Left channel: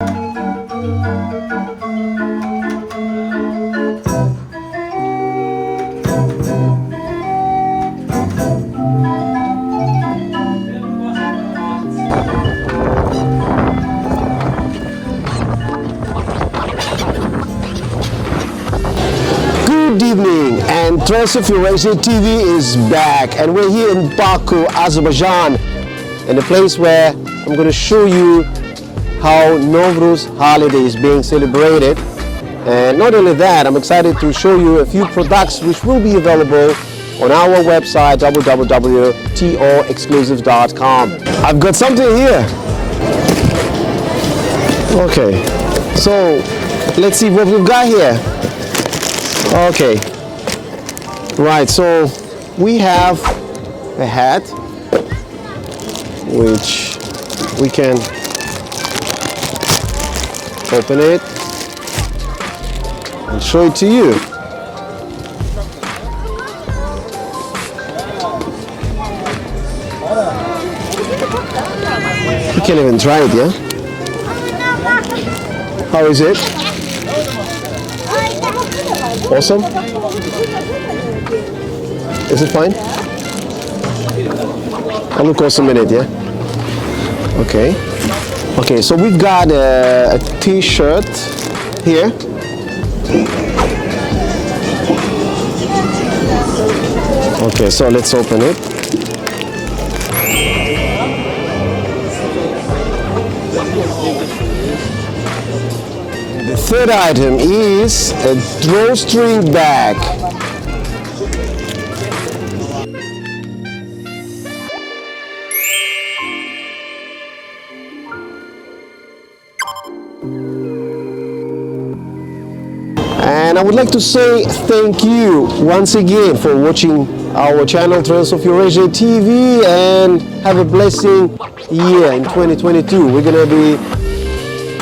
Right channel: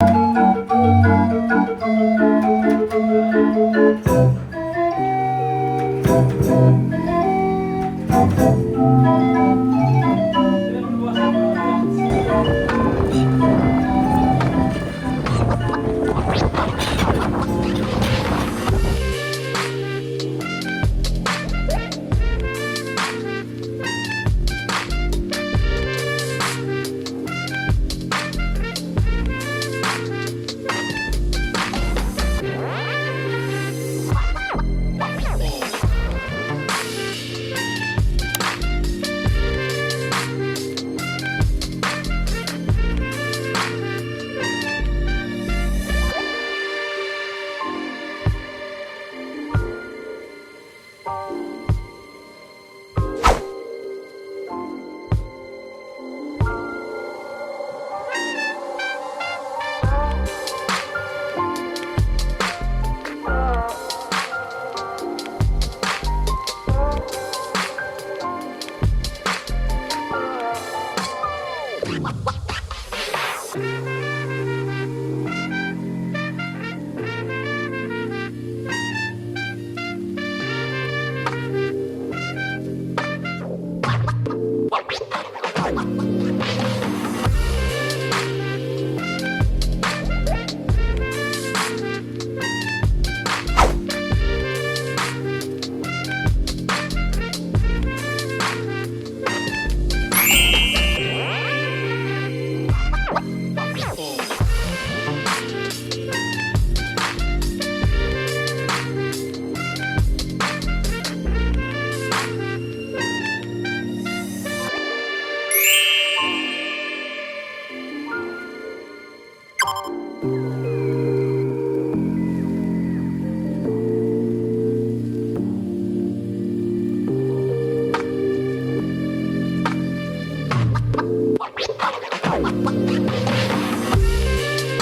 Good evening, and Trails of Eurasia TV is back, and we're here in Baku, Azerbaijan, in a place where I'm going to show you how Nowruz holiday is being celebrated. And not only that, I'm excited to show you a few products which will be available on our website www.torexclusive.com. I've got something here. Okay, so let's see what we've got here. Okay, right, so we have a hat which we can open it and show it to you. You can't even try it, yeah? How is it? Awesome? Is it fine? I'll look awesome in it, yeah? Okay. Okay, so we've got a t-shirt here. Okay, so let's open it. The third item is a drawstring bag. And I would like to say thank you once again for watching our channel Trails of Eurasia TV, and have a blessing year in 2022. We're going to be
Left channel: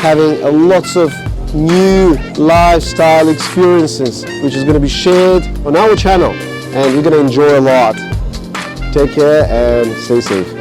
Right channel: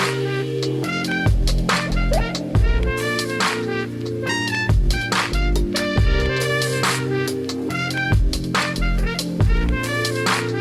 having lots of new lifestyle experiences which is going to be shared on our channel, and we're going to enjoy a lot. Take care and stay safe.